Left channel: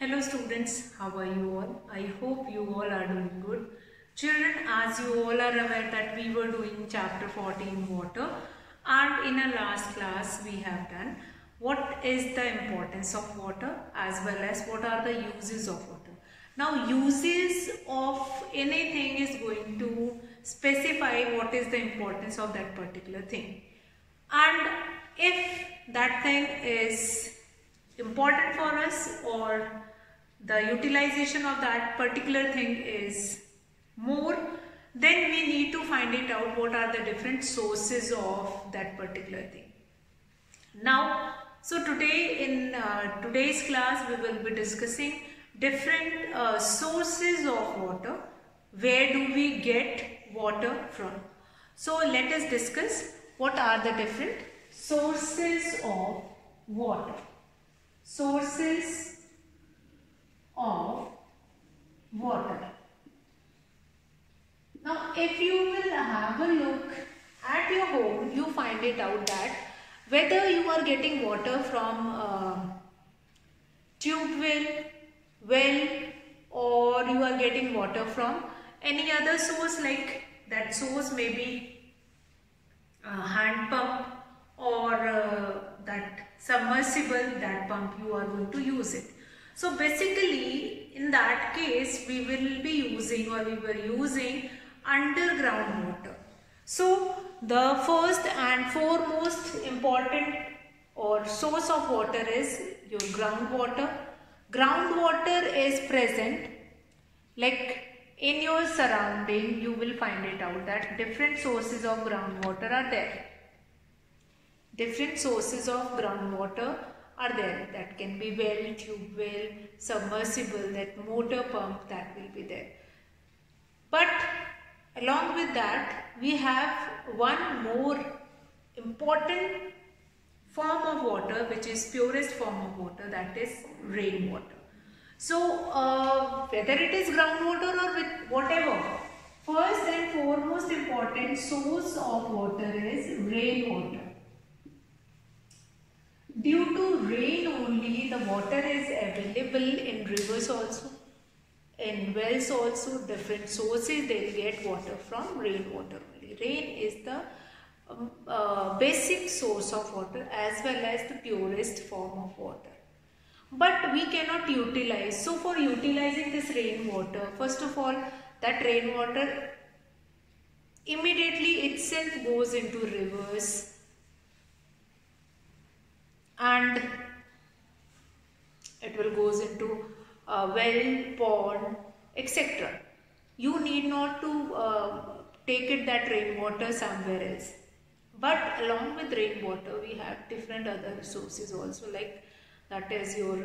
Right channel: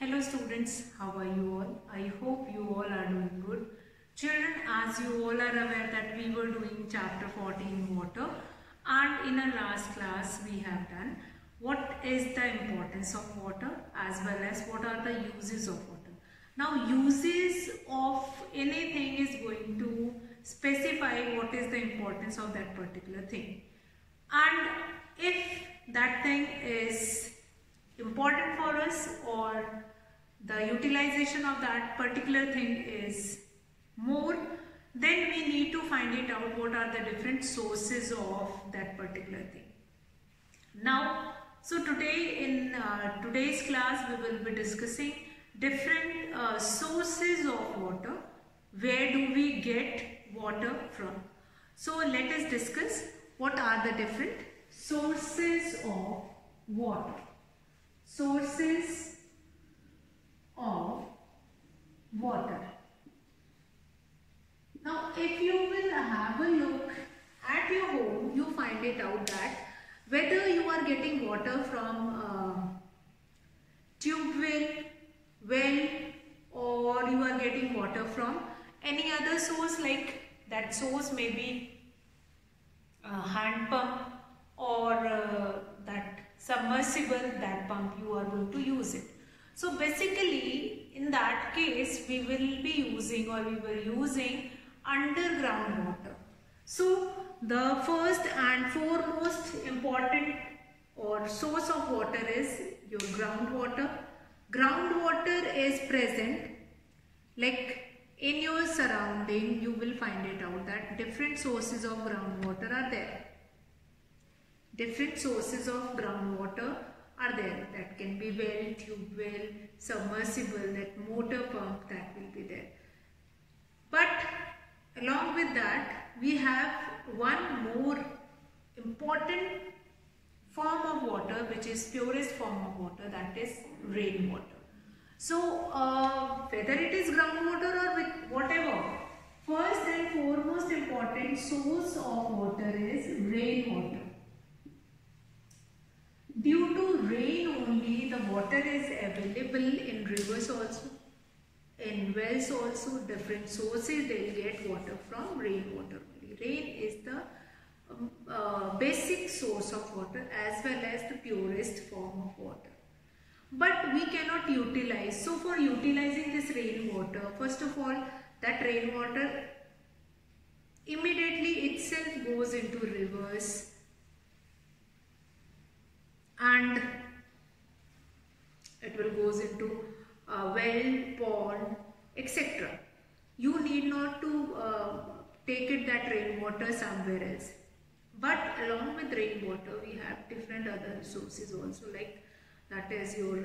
Hello students, how are you all? I hope you all are doing good. Children, as you all are aware that we were doing chapter 14 water, and in our last class we have done what is the importance of water as well as what are the uses of water. Now uses of anything is going to specify what is the importance of that particular thing, and if that thing is important for us or the utilization of that particular thing is more, then we need to find it out what are the different sources of that particular thing. Now, so today in today's class we will be discussing different sources of water. Where do we get water from? So let us discuss what are the different sources of water. Sources of water. Now if you will have a look at your home, you find it out that whether you are getting water from tube well, or you are getting water from any other source, like that source may be hand pump or that submersible, that pump you are going to use it. So basically in that case we will be using, or we were using, underground water. So the first and foremost important or source of water is your groundwater. Groundwater is present like in your surrounding. You will find it out that different sources of groundwater are there. Different sources of groundwater are there. That can be well, tube well, submersible, that motor pump, that will be there. But along with that, we have one more important form of water, which is purest form of water, that is rainwater. So whether it is groundwater or with whatever, first and foremost important source of water is rainwater. Due to rain only, the water is available in rivers also, in wells also. Different sources they will get water from rainwater only. Rain is the basic source of water as well as the purest form of water. But we cannot utilize. So for utilizing this rainwater, first of all, that rainwater immediately itself goes into rivers and it will goes into well, pond, etc. You need not to take it that rainwater somewhere else. But along with rainwater, we have different other sources also, like that is your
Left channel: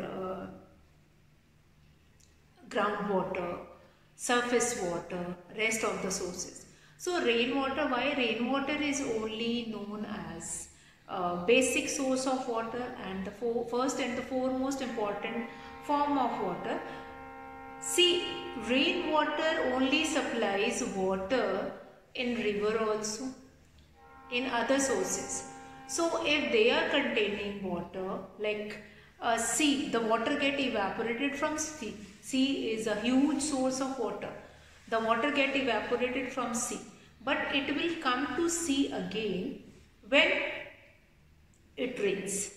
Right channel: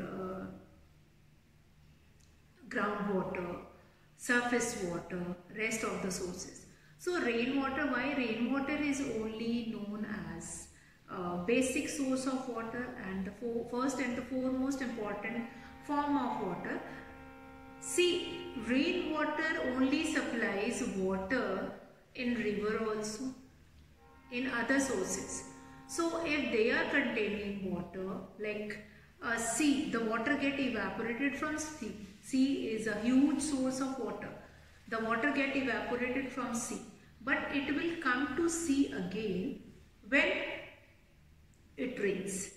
groundwater, surface water, rest of the sources. So rainwater, why rainwater is only known as basic source of water and the first and the foremost important form of water. See, rainwater only supplies water in river also, in other sources. So if they are containing water, like sea, the water get evaporated from sea. Sea is a huge source of water. The water get evaporated from sea, but it will come to sea again when it rains.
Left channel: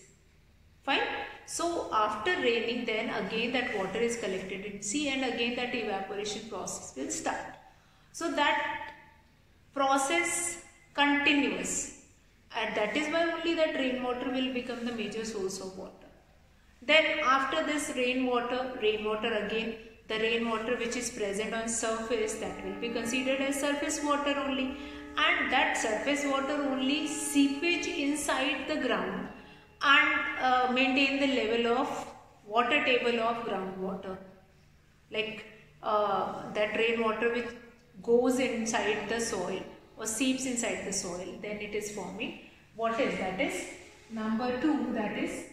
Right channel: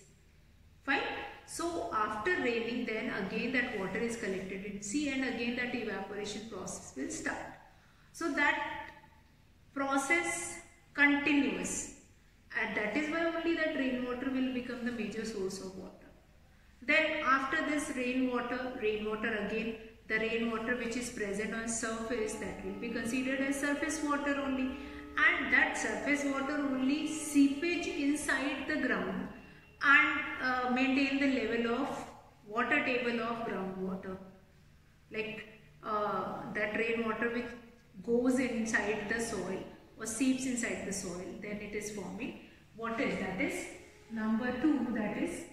Fine. So after raining, then again that water is collected in sea and again that evaporation process will start. So that process continues, and that is why only that rainwater will become the major source of water. Then after this rainwater again, the rainwater which is present on surface, that will be considered as surface water only, and that surface water only seepage inside the ground and maintain the level of water table of groundwater, like that rainwater which goes inside the soil or seeps inside the soil, then it is forming what is, that is number 2, that is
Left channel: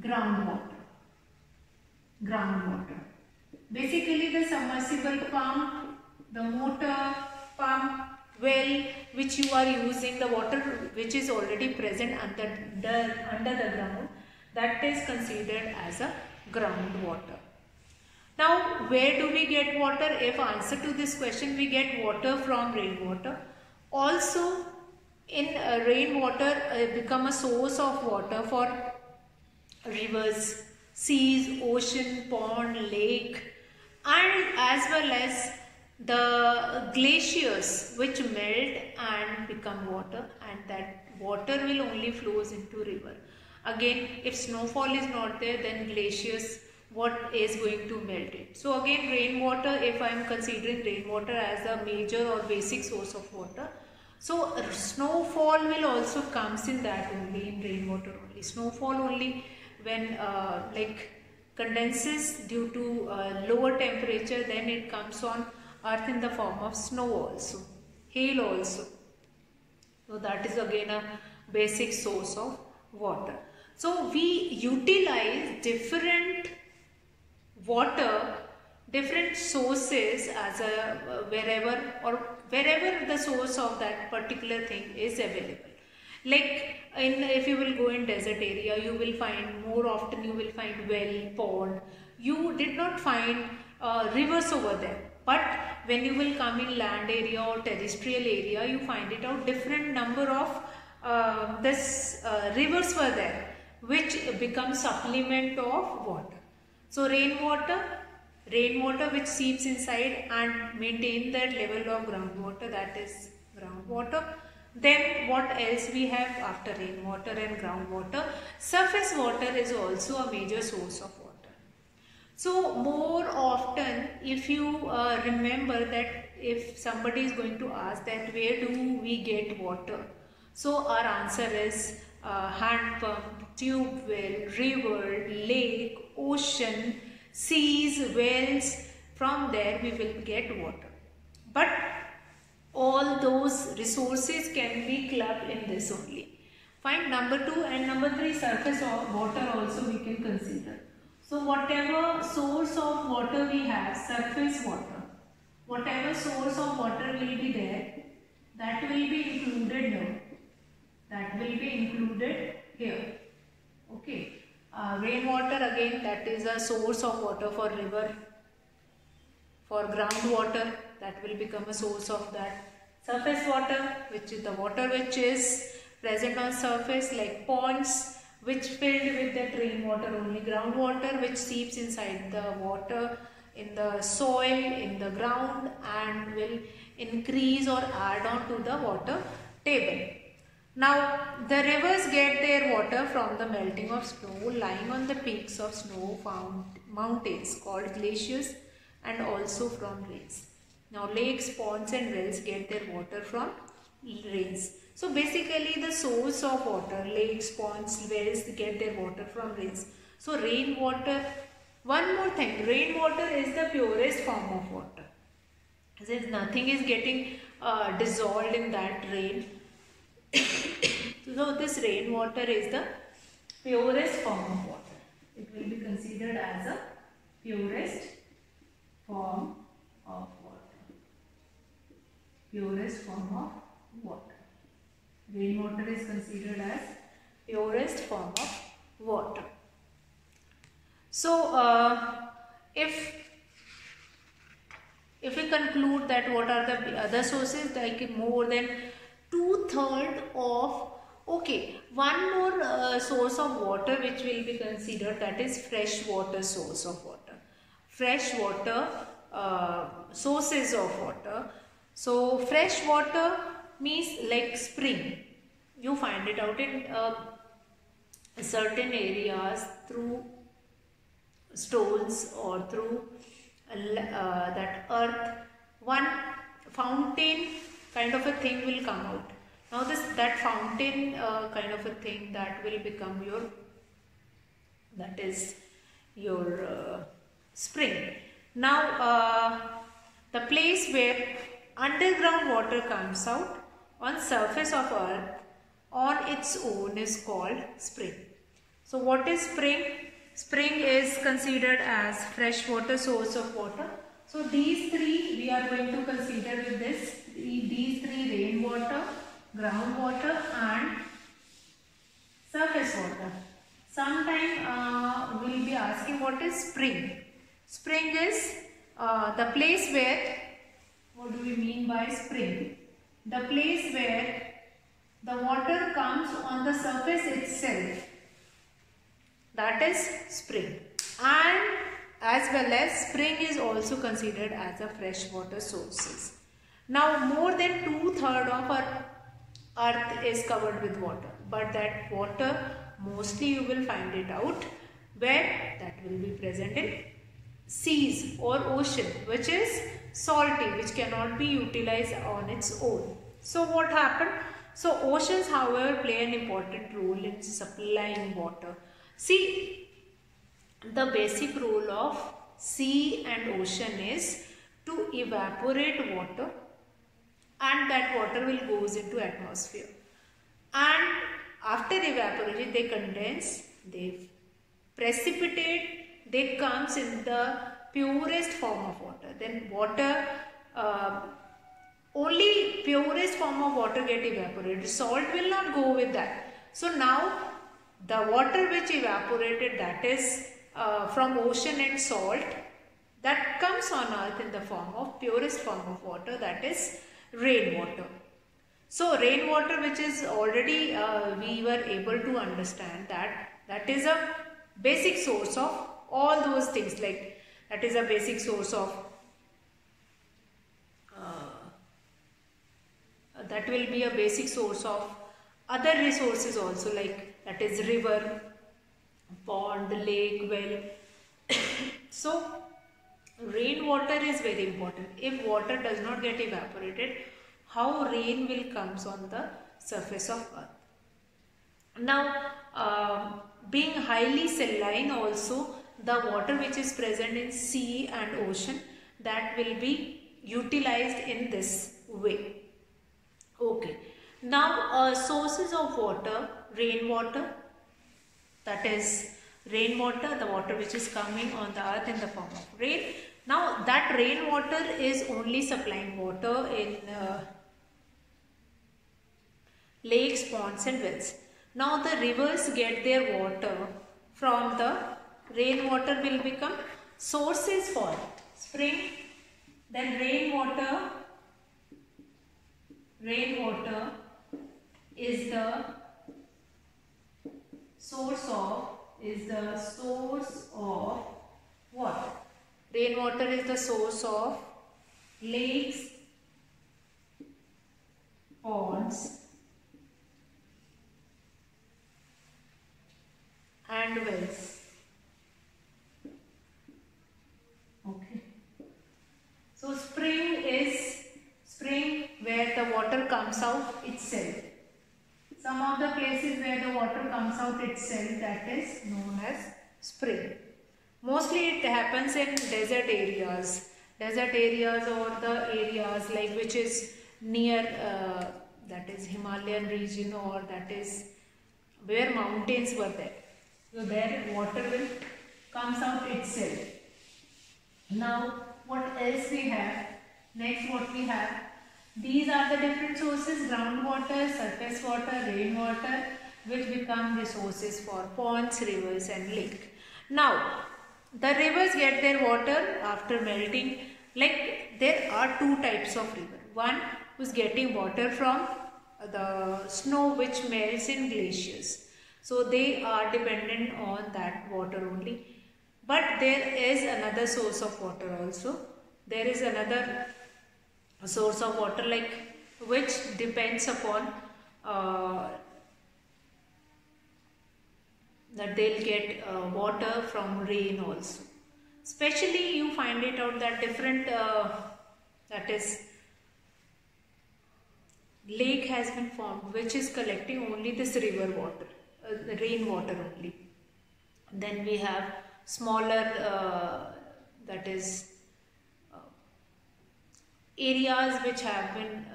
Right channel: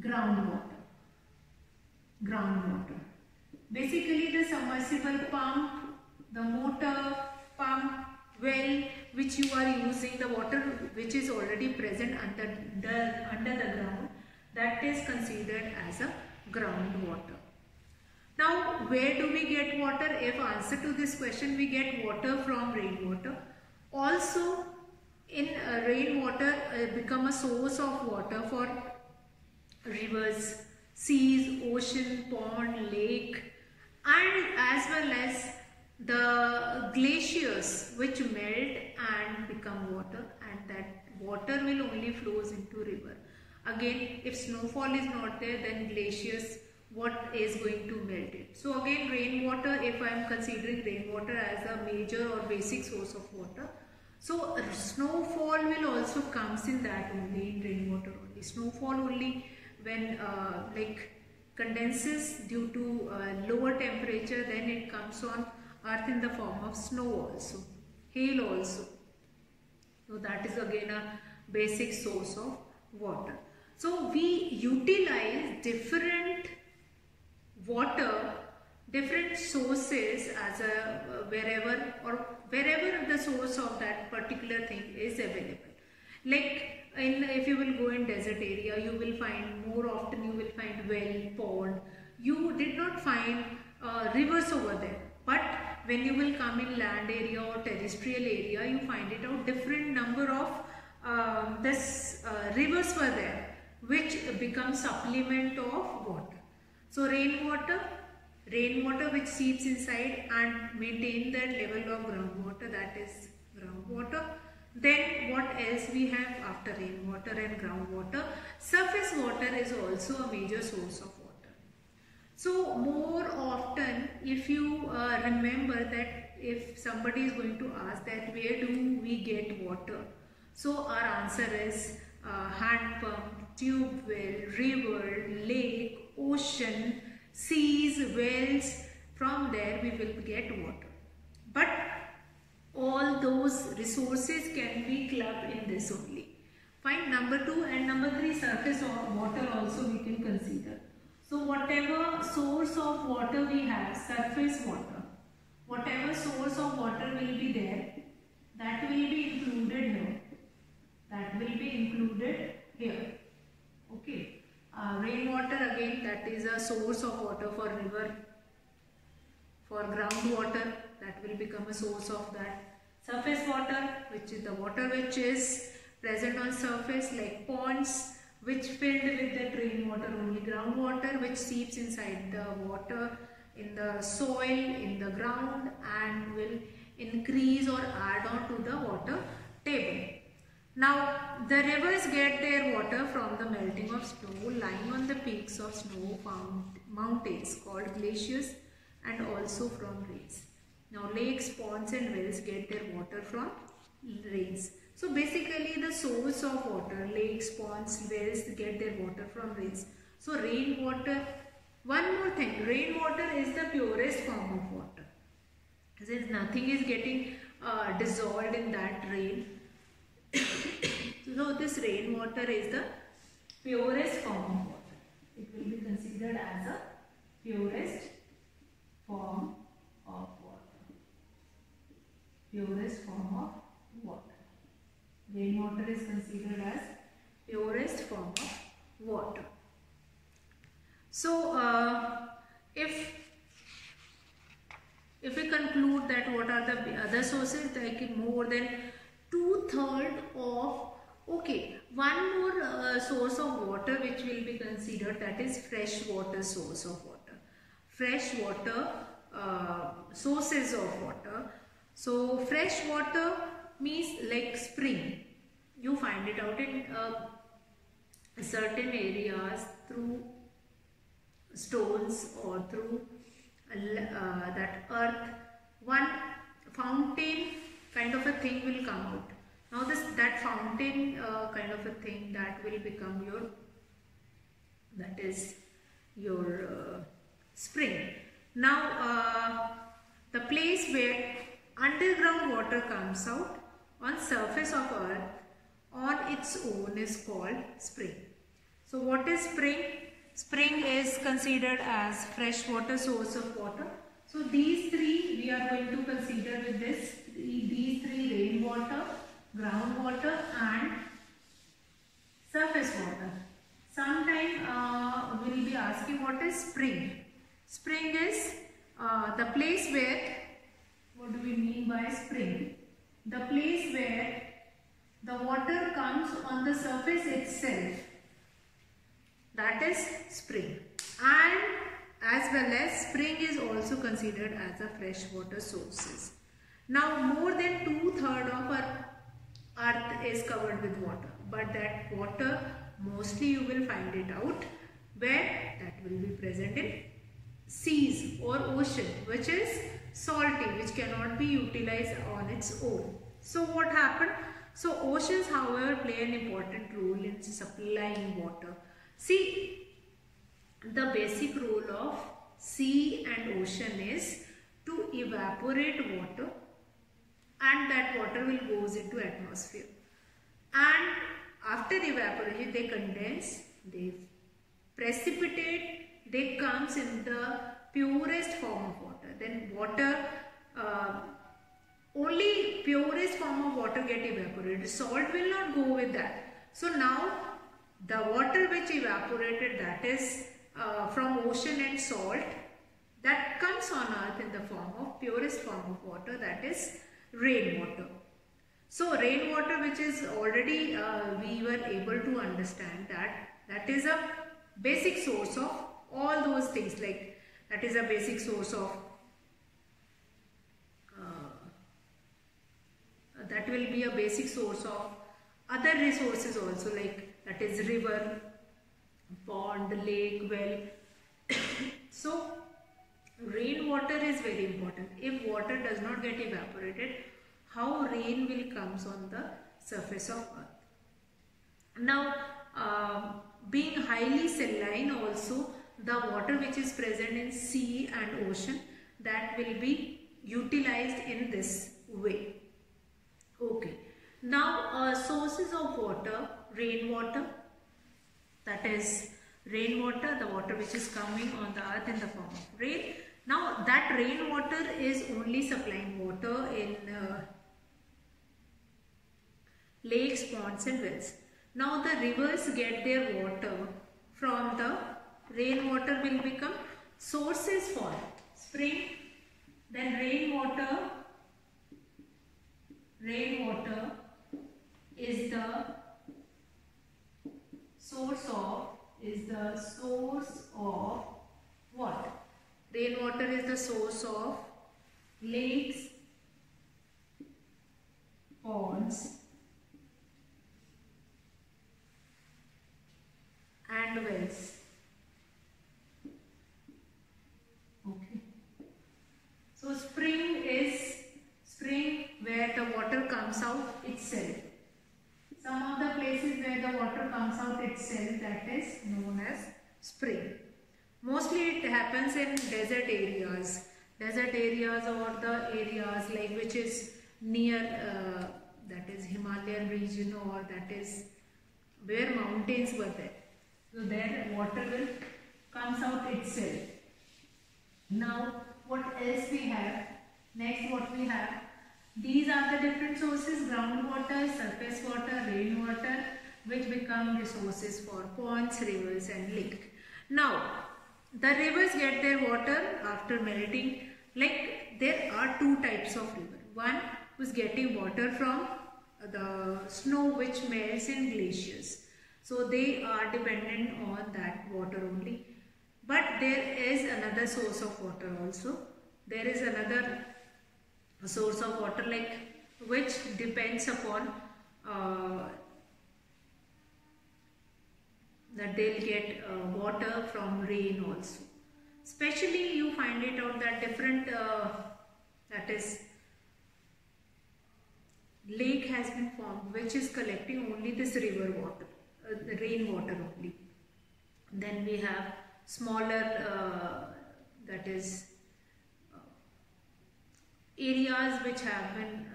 groundwater. Groundwater. Basically the submersible pump, the motor pump, well, which you are using, the water which is already present under the ground, that is considered as a groundwater. Now, where do we get water? If answer to this question, we get water from rainwater. Also, in rainwater become a source of water for rivers, seas, ocean, pond, lake, and as well as the glaciers which melt and become water, and that water will only flows into river. Again, if snowfall is not there, then glaciers, what is going to melt it? So again, rainwater, if I am considering rainwater as a major or basic source of water, so snowfall will also comes in that only, in rainwater only. Snowfall only when like condenses due to lower temperature, then it comes on earth in the form of snow also, hail also. So that is again a basic source of water. So we utilize different water, different sources as a wherever the source of that particular thing is available. Like if you will go in desert area, you will find more often you will find well, pond. You did not find rivers over there. But when you will come in land area or terrestrial area, you find it out different number of rivers were there, which become supplement of water. So rainwater which seeps inside and maintain that level of groundwater, that is groundwater. Then what else we have after rainwater and groundwater? Surface water is also a major source of water. So more often, if you remember that if somebody is going to ask that where do we get water? So our answer is hand pump, tube well, river, lake, ocean, seas, wells. From there we will get water. But all those resources can be clubbed in this only. Fine, number 2 and number 3, surface of water also we can consider. So whatever source of water we have, surface water, whatever source of water will be there, that will be included here. That will be included here. Okay. Rainwater again, that is a source of water for river. For groundwater, that will become a source of that. Surface water, which is the water which is present on surface, like ponds, which filled with that rainwater only. Groundwater, which seeps inside the water, in the soil, in the ground, and will increase or add on to the water table. Now, the rivers get their water from the melting of snow lying on the peaks of snow-found mountains called glaciers, and also from rains. Now, lakes, ponds and wells get their water from rains. So, basically the source of water, lakes, ponds, wells get their water from rains. So, rainwater, one more thing, rainwater is the purest form of water. Since nothing is getting dissolved in that rain, so this rainwater is the purest form of water. It will be considered as a purest form of water. Purest form of water. Rainwater is considered as purest form of water. So, if we conclude that what are the other sources, like more than 2/3 of, okay, one more source of water which will be considered, that is fresh water source of water. Fresh water sources of water. So fresh water means like spring. You find it out in certain areas through stones or through that earth. One fountain kind of a thing will come out. Now that fountain kind of a thing, that will become your, that is your spring. Now the place where underground water comes out on surface of earth on its own is called spring. So what is spring? Spring is considered as fresh water source of water. So these three we are going to consider with this. These three: rainwater, groundwater and surface water. Sometime we will be asking what is spring. Spring is the place where, what do we mean by spring? The place where the water comes on the surface itself, that is spring. And as well as spring is also considered as a freshwater sources. Now more than 2/3 of our earth is covered with water, but that water mostly you will find it out where that will be present in seas or ocean, which is salty, which cannot be utilized on its own. So what happened? So oceans however play an important role in supplying water. See, the basic role of sea and ocean is to evaporate water, and that water will goes into atmosphere, and after evaporation they condense, they precipitate, they comes in the purest form of water. Then water, only purest form of water get evaporated, salt will not go with that. So now the water which evaporated, that is from ocean and salt, that comes on earth in the form of purest form of water, that is rainwater. So rainwater, which is already we were able to understand that is a basic source of all those things, like that is a basic source of that will be a basic source of other resources also, like that is river, pond, lake, well. So rainwater is very important. If water does not get evaporated, how rain will comes on the surface of earth? Now being highly saline also, the water which is present in sea and ocean, that will be utilized in this way. Okay, now sources of water, rainwater, that is rainwater, the water which is coming on the earth in the form of rain. Now that rainwater is only supplying water in lakes, ponds and wells. Now the rivers get their water from the rainwater, will become sources for spring. Then rainwater is the source of what? Rainwater is the source of lakes, ponds and wells. Okay. So spring is where the water comes out itself. Some of the places where the water comes out itself, that is known as spring. Mostly it happens in desert areas or the areas like which is near that is Himalayan region, or that is where mountains were there. So there water will comes out itself. Now what else we have? Next what we have? These are the different sources: groundwater, surface water, rainwater, which become resources for ponds, rivers and lake. Now the rivers get their water after melting. Like there are two types of river. One who is getting water from the snow which melts in glaciers. So they are dependent on that water only. But there is another source of water also. There is another source of water like which depends upon that they'll get water from rain also. Especially you find it out that different that is lake has been formed which is collecting only this river water, the rainwater only. Then we have smaller that is areas which have been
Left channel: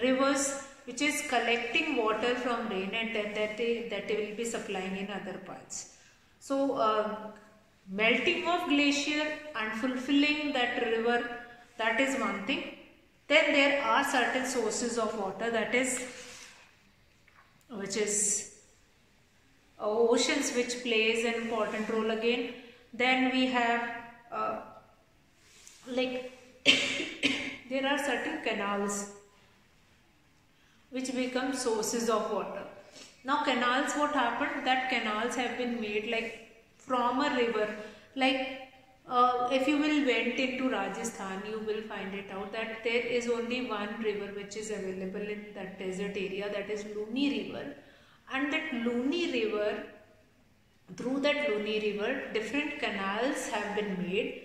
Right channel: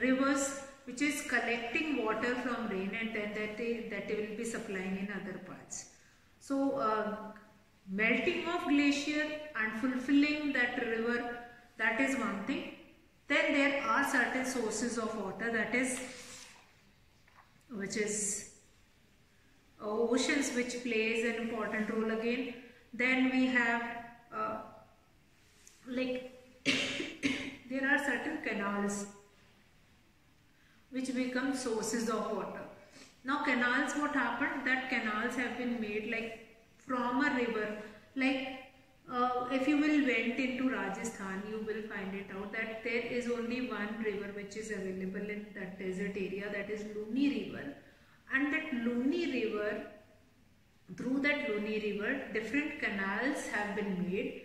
rivers which is collecting water from rain, and then that they will be supplying in other parts. So melting of glacier and fulfilling that river, that is one thing. Then there are certain sources of water, that is which is oceans, which plays an important role again. Then we have like there are certain canals which become sources of water. Now canals, what happened, that canals have been made like from a river. Like if you will went into Rajasthan, you will find it out that there is only one river which is available in that desert area, that is Luni River. And that Luni River, through that Luni River, different canals have been made.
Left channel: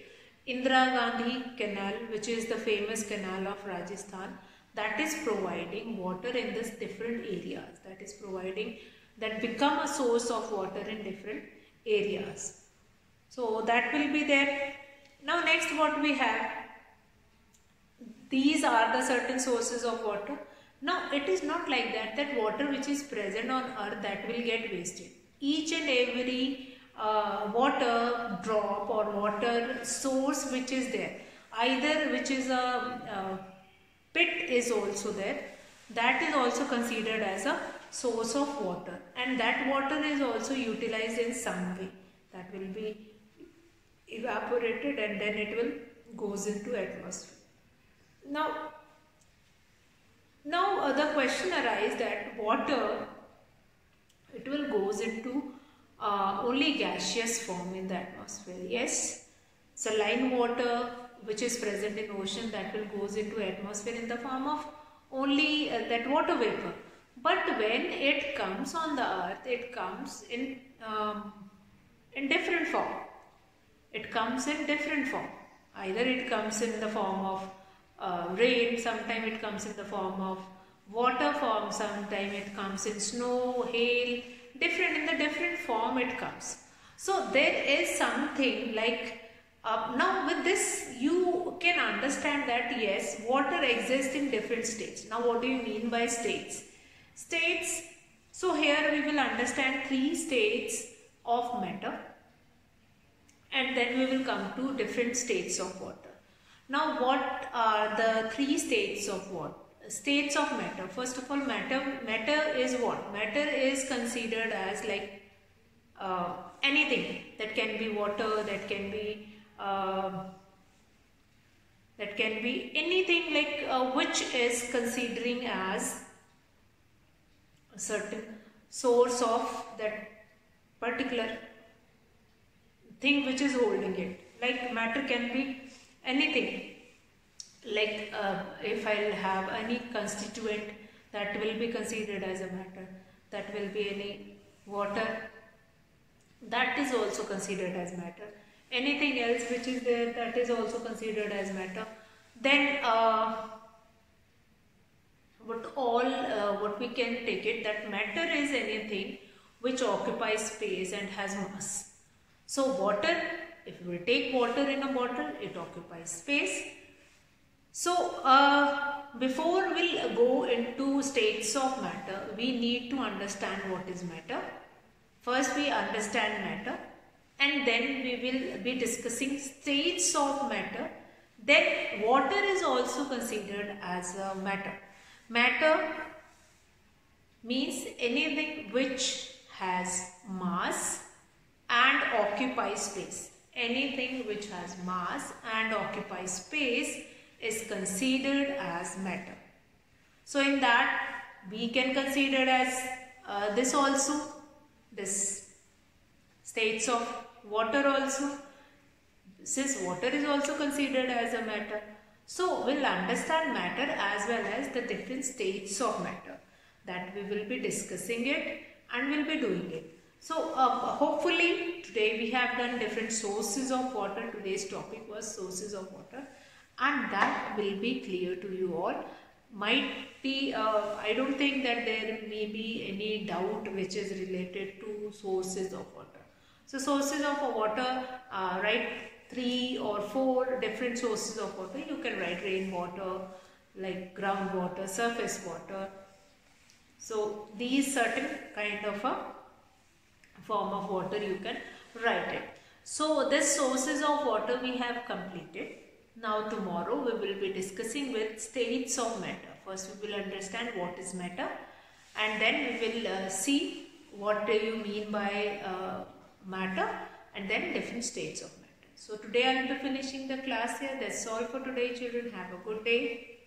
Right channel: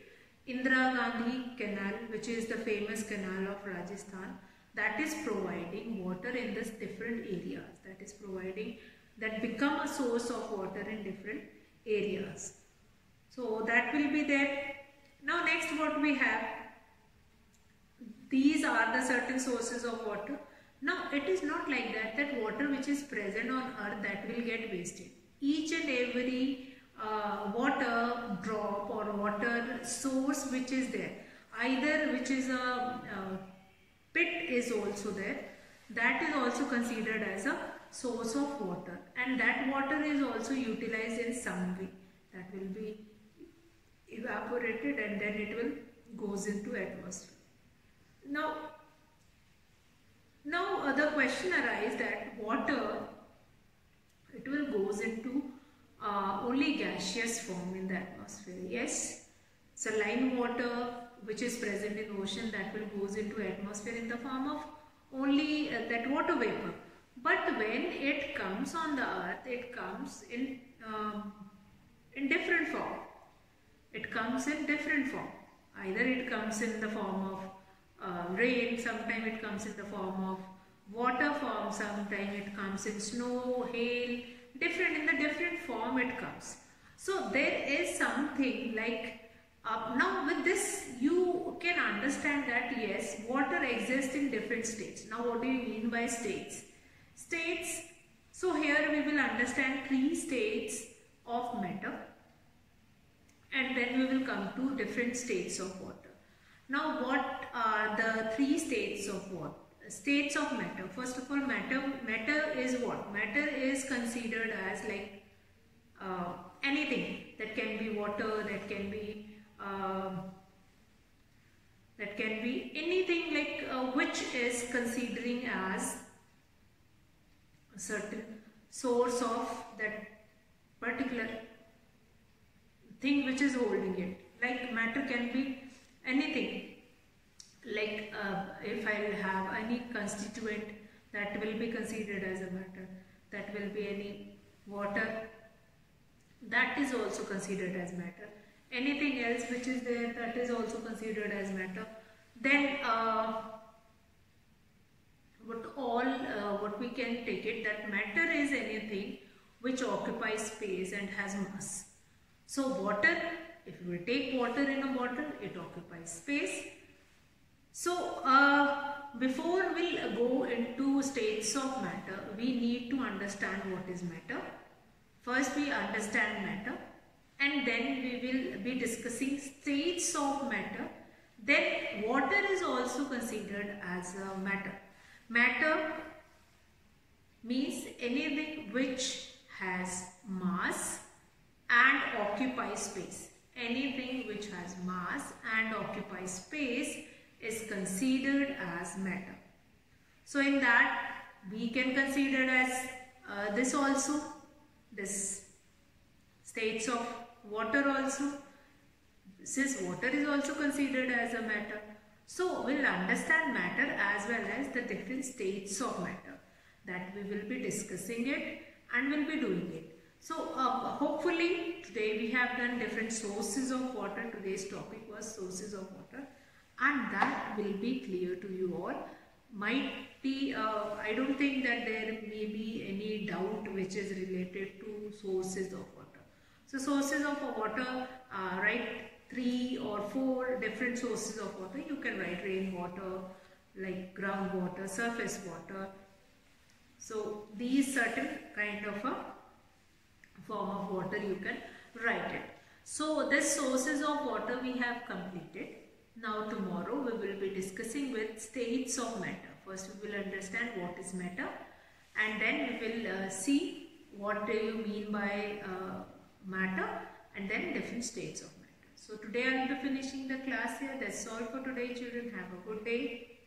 Indira Gandhi Canal, which is the famous canal of Rajasthan, that is providing water in this different areas, that is providing, that become a source of water in different areas. So that will be there. Now next what we have, these are the certain sources of water. Now it is not like that, that water which is present on earth, that will get wasted. Each and every water drop or water source which is there, either which is a pit is also there, that is also considered as a source of water, and that water is also utilized in some way, that will be evaporated and then it will goes into atmosphere. Now the question arises that water, it will goes into only gaseous form in the atmosphere. Yes, saline water which is present in ocean, that will goes into atmosphere in the form of only that water vapor. But when it comes on the earth, it comes in different form. It comes in different form. Either it comes in the form of rain, sometimes it comes in the form of water form, sometimes it comes in snow, hail, different, in the different form it comes. So there is something like, now with this you can understand that yes, water exists in different states. Now what do you mean by states? States, so here we will understand 3 states of matter, and then we will come to different states of water. Now what are the 3 states of water? States of matter. First of all, matter is what? Matter is considered as like anything that can be water, that can be anything like which is considering as a certain source of that particular thing which is holding it. Like matter can be anything, like if I'll have any constituent, that will be considered as a matter. That will be any water, that is also considered as matter. Anything else which is there, that is also considered as matter. Then what we can take it, that matter is anything which occupies space and has mass. So water, if we take water in a bottle, it occupies space. So before we'll go into states of matter, we need to understand what is matter. First we understand matter, and then we will be discussing states of matter. Then water is also considered as a matter. Matter means anything which has mass and occupies space. Anything which has mass and occupies space is considered as matter. So in that we can consider as this also, this states of water also. Since water is also considered as a matter, so we'll understand matter as well as the different states of matter, that we will be discussing it and we'll be doing it. So hopefully today we have done different sources of water. Today's topic was sources of water, and that will be clear to you all. Might be, I don't think that there may be any doubt which is related to sources of water. So sources of water, write 3 or 4 different sources of water. You can write rainwater, like groundwater, surface water. So these certain kind of a form of water you can write it. So this sources of water we have completed. Now tomorrow we will be discussing with states of matter. First we will understand what is matter, and then we will see what do you mean by matter, and then different states of matter. So today I will be finishing the class here. That's all for today, children. Have a good day.